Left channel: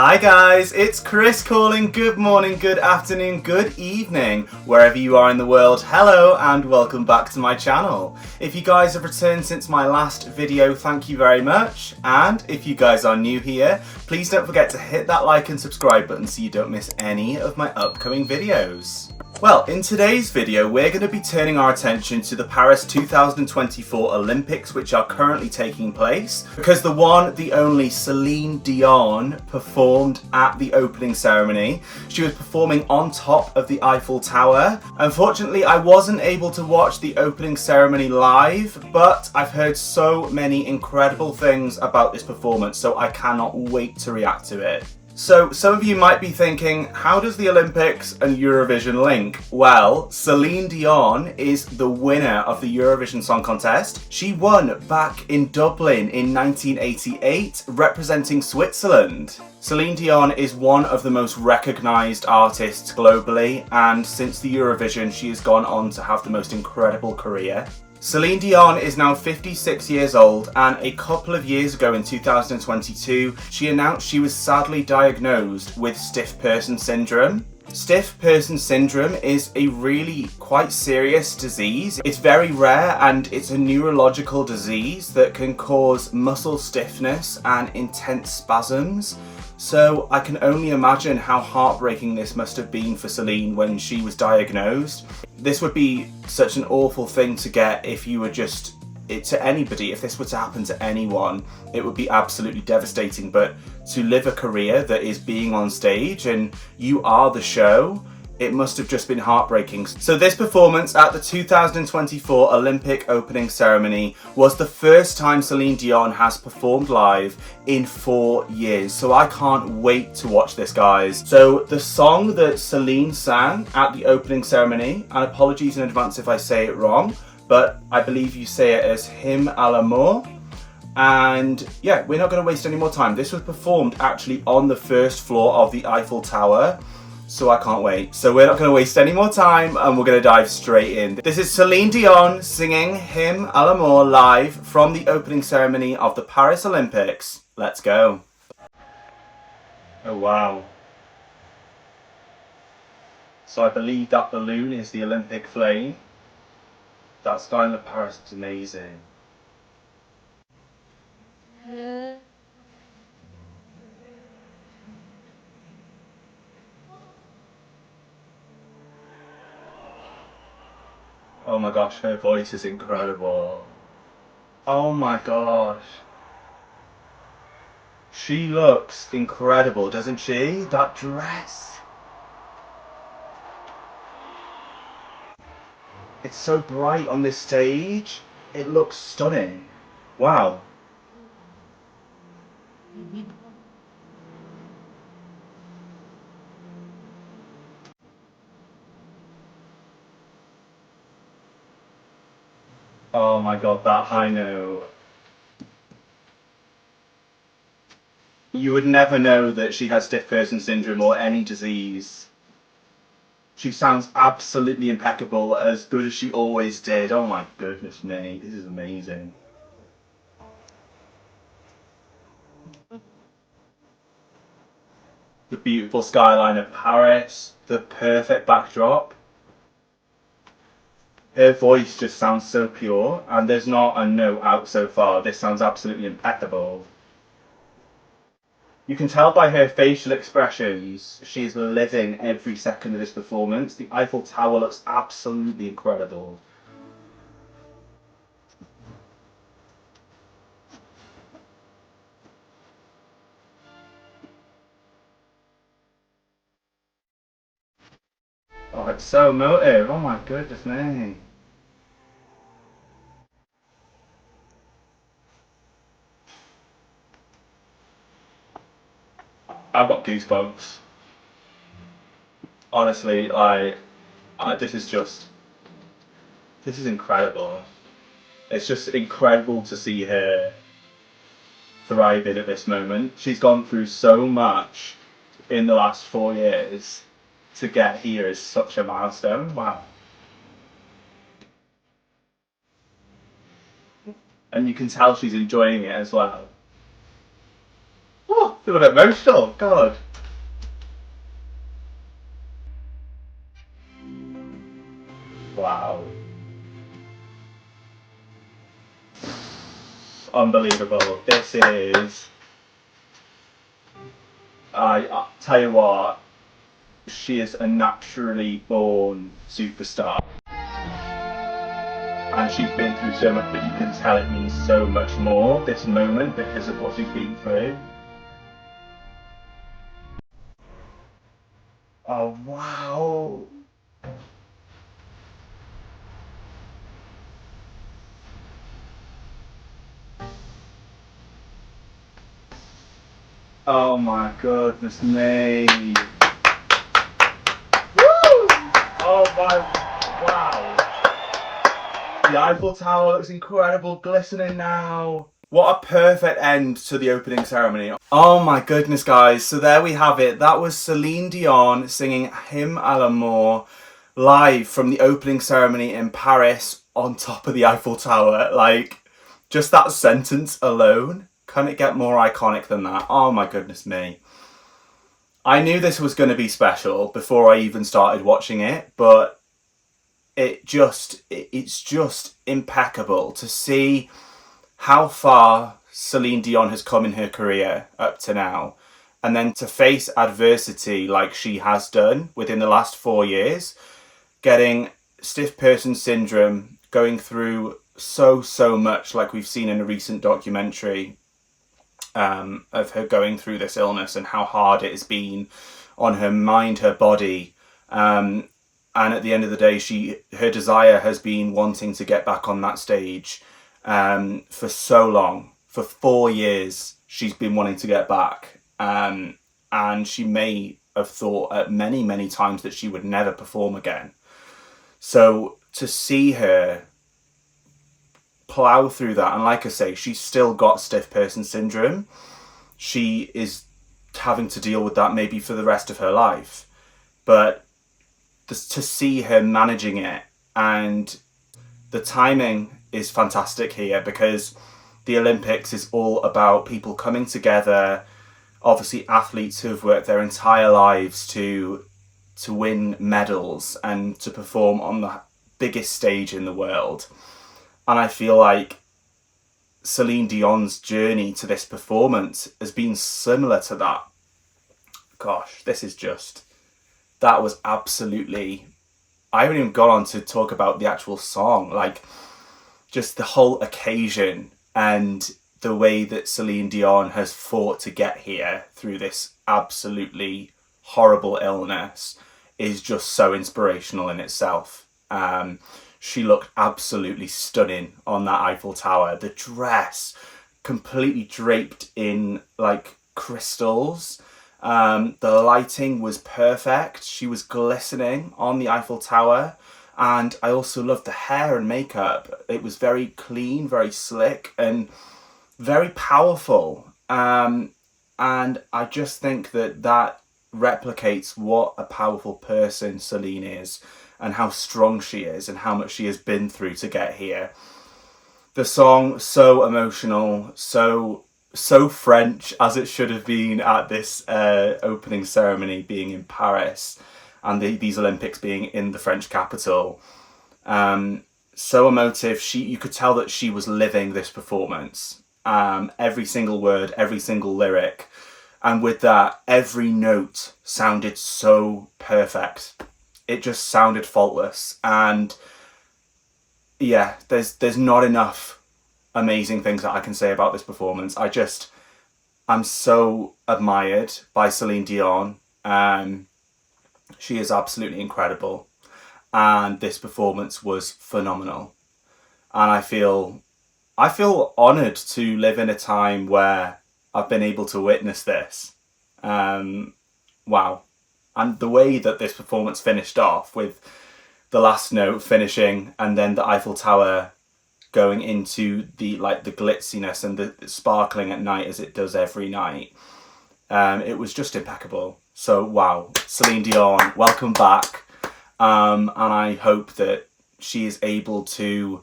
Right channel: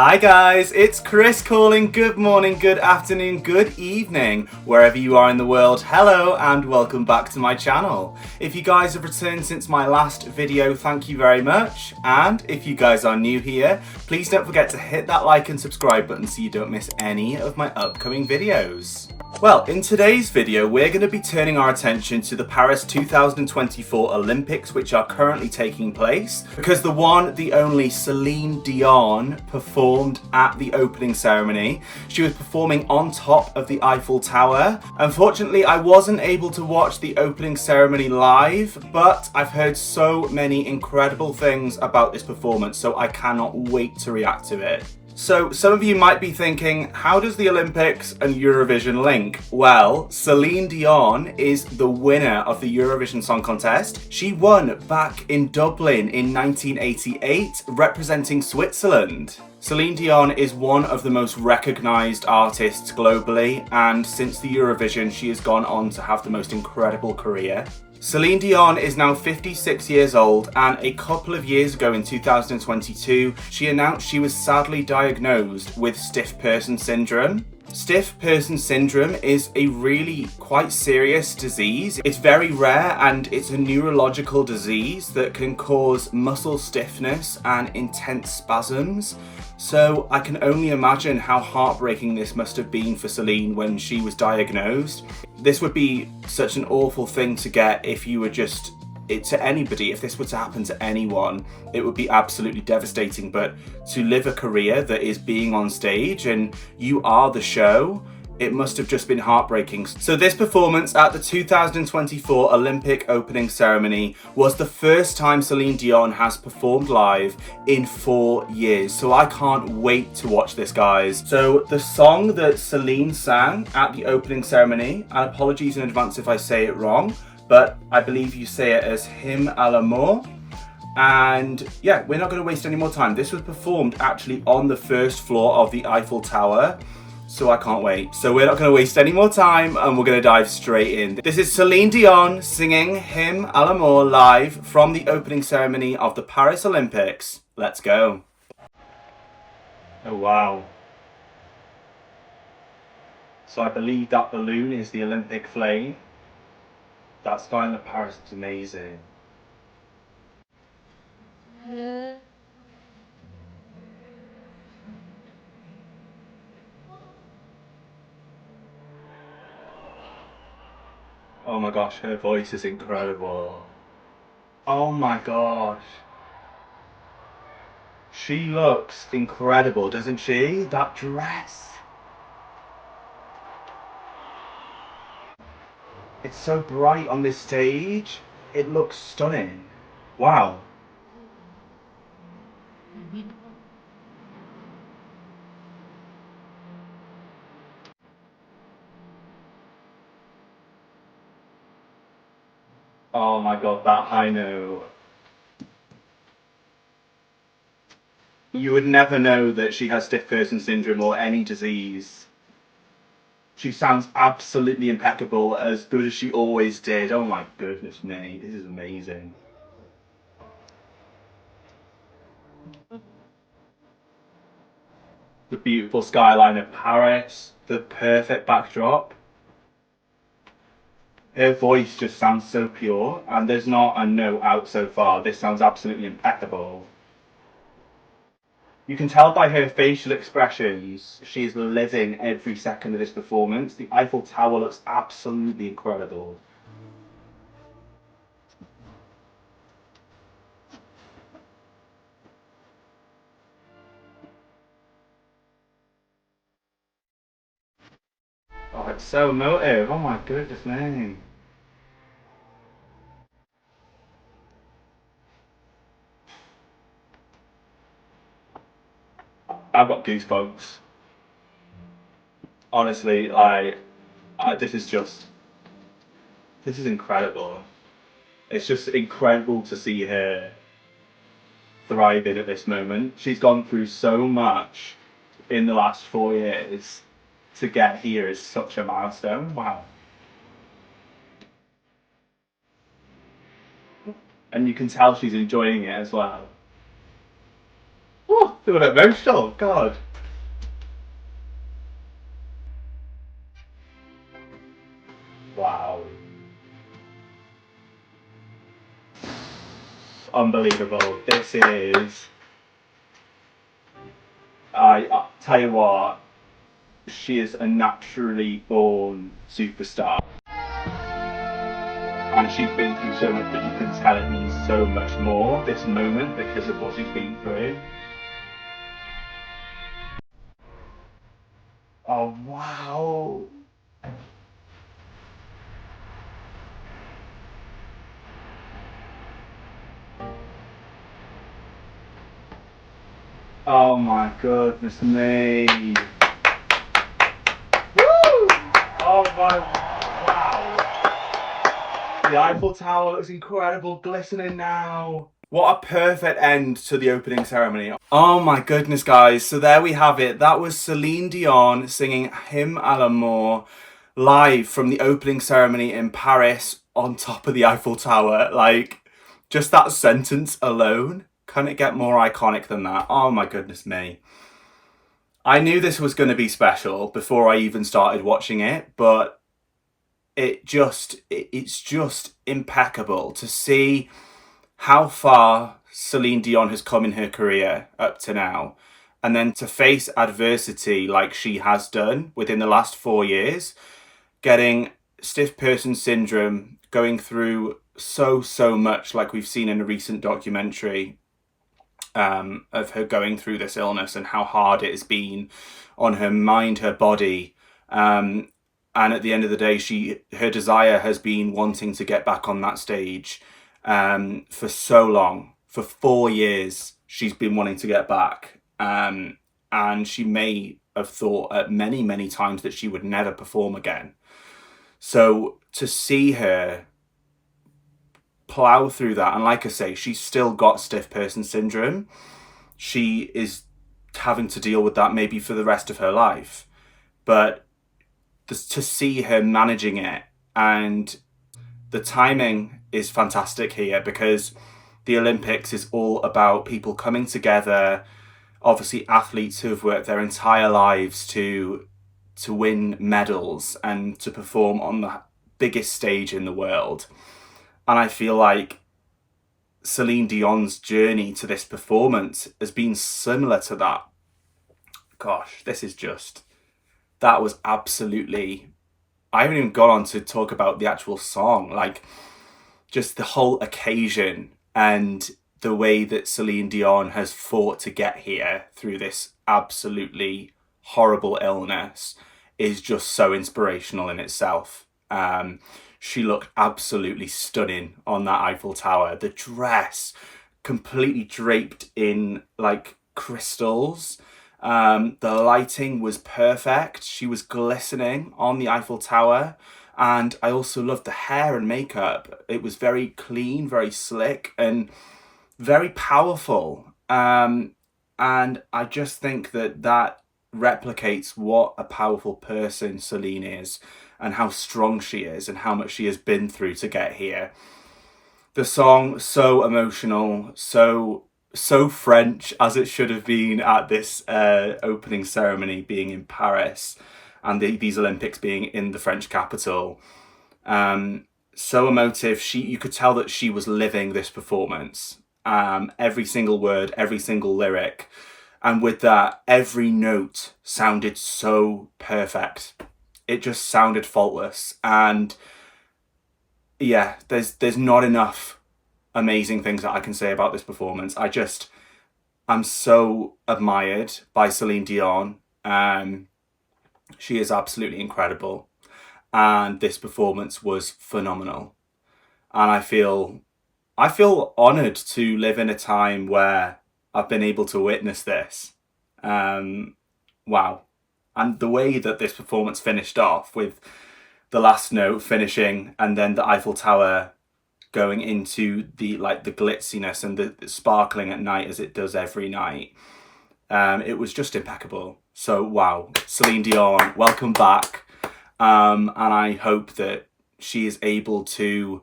Hi guys, it's Chris calling. Good morning, good afternoon, good evening, wherever you are in the world. Hello and welcome back to my channel. If you guys have returned since my last video, thank you very much. And if you guys are new here, please don't forget to hit that like and subscribe button so you don't miss any of my upcoming videos. Well, in today's video, we're going to be turning our attention to the Paris 2024 Olympics, which are currently taking place, because the one, the only Celine Dion performed at the opening ceremony. She was performing on top of the Eiffel Tower. Unfortunately, I wasn't able to watch the opening ceremony live, but I've heard so many incredible things about this performance, so I cannot wait to react to it. So some of you might be thinking, how does the Olympics and Eurovision link? Well, Celine Dion is the winner of the Eurovision Song Contest. She won back in Dublin in 1988, representing Switzerland. Celine Dion is one of the most recognised artists globally, and since the Eurovision, she has gone on to have the most incredible career. Celine Dion is now 56 years old, and a couple of years ago in 2022, she announced she was sadly diagnosed with stiff person syndrome. Stiff person syndrome is a really quite serious disease. It's very rare and it's a neurological disease that can cause muscle stiffness and intense spasms. So I can only imagine how heartbreaking this must have been for Celine when she was diagnosed. This would be such an awful thing to get if you were just to anybody. If this were to happen to anyone, it would be absolutely devastating. But to live a career that is being on stage and you are the show, it must have just been heartbreaking. So this performance at the 2024 Olympic opening ceremony was the first time Celine Dion has performed live in 4 years. So I can't wait to watch this, guys. So the song that Celine sang at the opening ceremony, and apologies in advance if I say it wrong, but I believe you say it as Hymne, amour. And yeah, we're not going to waste any more time. This was performed actually on the first floor of the Eiffel Tower. So I can't wait. So we're not going to waste any more time and we're going to dive straight in. This is Celine Dion singing Hymne à l'amour live from the opening ceremony of the Paris Olympics. Let's go. Oh wow. So I believe that balloon is the Olympic flame. That skyline of Paris is amazing. Oh my gosh, her voice is incredible. Oh my gosh. She looks incredible, doesn't she? That dress. It's so bright on this stage. It looks stunning. Wow. Oh my god, that high note. You would never know that she has stiff person syndrome or any disease. She sounds absolutely impeccable, as good as she always did. Oh my goodness me, this is amazing. The beautiful skyline of Paris, the perfect backdrop. Her voice just sounds so pure, and there's not a note out so far. This sounds absolutely impeccable. You can tell by her facial expressions, she's living every second of this performance. The Eiffel Tower looks absolutely incredible. Oh, it's so emotive. Oh my goodness me. I've got goosebumps. Honestly, this is incredible. It's just incredible to see her thriving at this moment. She's gone through so much in the last 4 years to get here is such a milestone. Wow. And you can tell she's enjoying it as well. a bit emotional, God. Wow. Unbelievable. This is... I tell you what, she is a naturally born superstar. And she's been through so much, but you can tell it means so much more, this moment, because of what she's been through. Oh, wow. Oh my goodness me. Woo! Oh my, wow. The Eiffel Tower looks incredible, glistening now. What a perfect end to the opening ceremony. Oh my goodness, guys. So there we have it. That was Celine Dion singing Hymne à l'amour live from the opening ceremony in Paris on top of the Eiffel Tower. Like, just that sentence alone, couldn't it get more iconic than that? Oh my goodness me. I knew this was going to be special before I even started watching it, but it's just impeccable to see how far Celine Dion has come in her career up to now, and then to face adversity like she has done within the last 4 years, getting stiff person syndrome, going through so much, like we've seen in a recent documentary of her going through this illness and how hard it has been on her mind, her body. And at the end of the day, her desire has been wanting to get back on that stage for so long. For 4 years, she's been wanting to get back. And she may have thought at many times that she would never perform again. So to see her plow through that, and like I say, she's still got stiff person syndrome. She is having to deal with that maybe for the rest of her life. But to see her managing it, and the timing is fantastic here, because the Olympics is all about people coming together, obviously athletes who have worked their entire lives to win medals and to perform on the biggest stage in the world. And I feel like Celine Dion's journey to this performance has been similar to that. Gosh, that was absolutely... I haven't even got on to talk about the actual song, like just the whole occasion and the way that Celine Dion has fought to get here through this absolutely horrible illness is just so inspirational in itself. She looked absolutely stunning on that Eiffel Tower. The dress, completely draped in like crystals. The lighting was perfect. She was glistening on the Eiffel Tower. And I also loved the hair and makeup. It was very clean, very slick, and very powerful. And I just think that replicates what a powerful person Celine is, and how strong she is, and how much she has been through to get here. The song, so emotional, so French, as it should have been at this opening ceremony being in Paris, and these Olympics being in the French capital. So emotive. You could tell that she was living this performance. Every single word, every single lyric. And with that, every note sounded so perfect. It just sounded faultless. And yeah, there's not enough amazing things that I can say about this performance. I'm so admired by Celine Dion. She is absolutely incredible. And this performance was phenomenal. And I feel honoured to live in a time where I've been able to witness this. Wow. And the way that this performance finished off, with the last note finishing and then the Eiffel Tower going into the glitziness and the sparkling at night as it does every night. It was just impeccable. So wow, Celine Dion, welcome back. And I hope that she is able to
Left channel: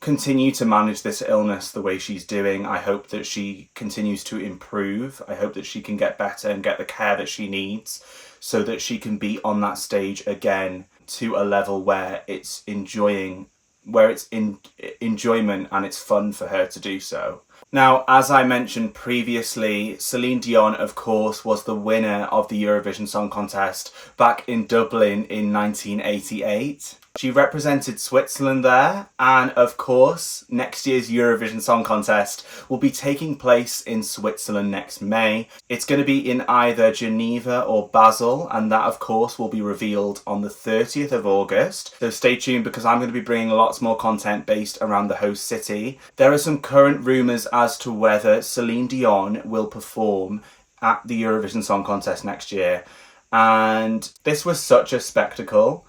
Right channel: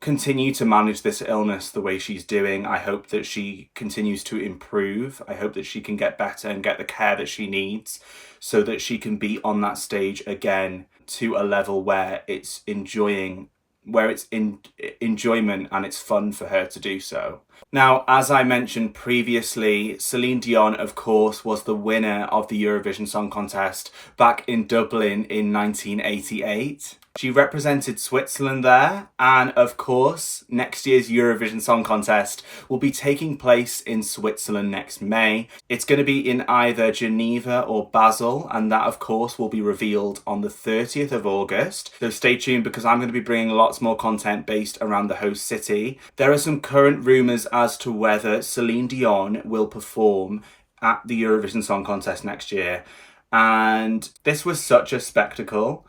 continue to manage this illness the way she's doing. I hope that she continues to improve. I hope that she can get better and get the care that she needs so that she can be on that stage again to a level where it's enjoyment and it's fun for her to do so. Now, as I mentioned previously, Celine Dion, of course, was the winner of the Eurovision Song Contest back in Dublin in 1988. She represented Switzerland there, and of course, next year's Eurovision Song Contest will be taking place in Switzerland next May. It's going to be in either Geneva or Basel, and that, of course, will be revealed on the 30th of August. So stay tuned, because I'm going to be bringing lots more content based around the host city. There are some current rumours as to whether Celine Dion will perform at the Eurovision Song Contest next year, and this was such a spectacle.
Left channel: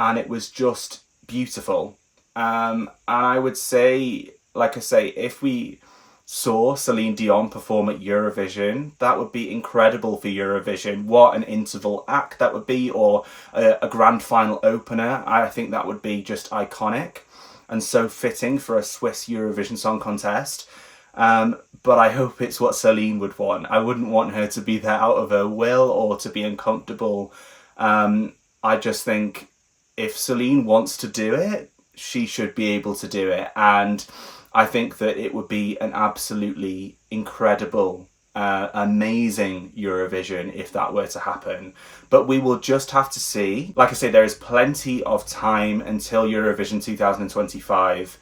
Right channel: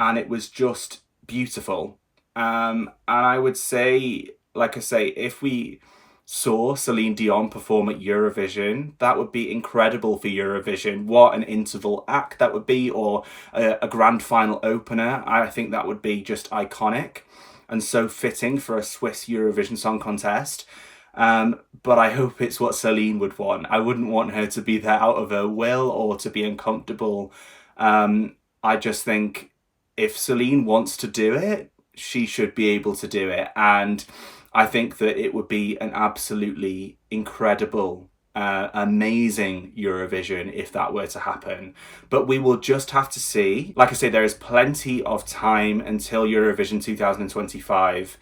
And it was just beautiful. And I would say, like I say, if we saw Celine Dion perform at Eurovision, that would be incredible for Eurovision. What an interval act that would be, or a grand final opener. I think that would be just iconic and so fitting for a Swiss Eurovision Song Contest. But I hope it's what Celine would want. I wouldn't want her to be there out of her will or to be uncomfortable. I just think if Celine wants to do it, she should be able to do it. And I think that it would be an absolutely incredible, amazing Eurovision if that were to happen. But we will just have to see. Like I say, there is plenty of time until Eurovision 2025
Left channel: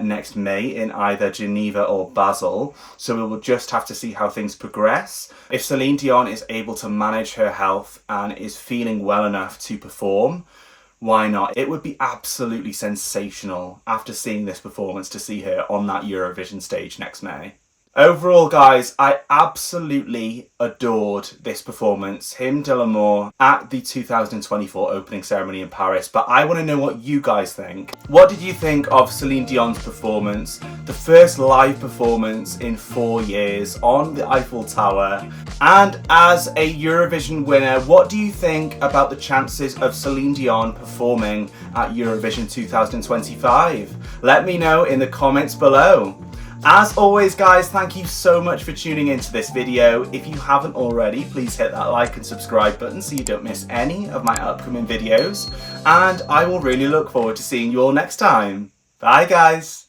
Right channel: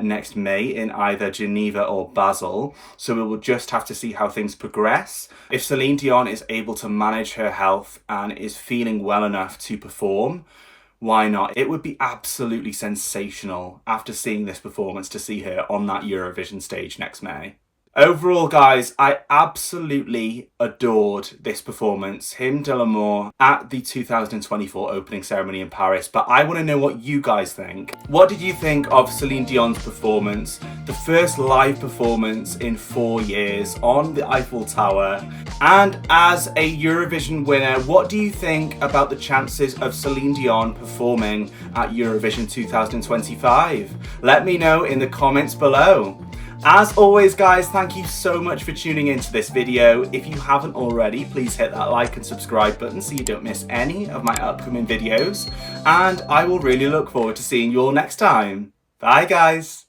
next May in either Geneva or Basel. So we will just have to see how things progress. If Celine Dion is able to manage her health and is feeling well enough to perform, why not? It would be absolutely sensational after seeing this performance to see her on that Eurovision stage next May. Overall, guys, I absolutely adored this performance, Hymne de l'amour, at the 2024 opening ceremony in Paris. But I want to know what you guys think. What did you think of Celine Dion's performance? The first live performance in 4 years on the Eiffel Tower. And as a Eurovision winner, what do you think about the chances of Celine Dion performing at Eurovision 2025? Let me know in the comments below. As always, guys, thank you so much for tuning into this video. If you haven't already, please hit that like and subscribe button so you don't miss any of my upcoming videos. And I will really look forward to seeing you all next time. Bye, guys.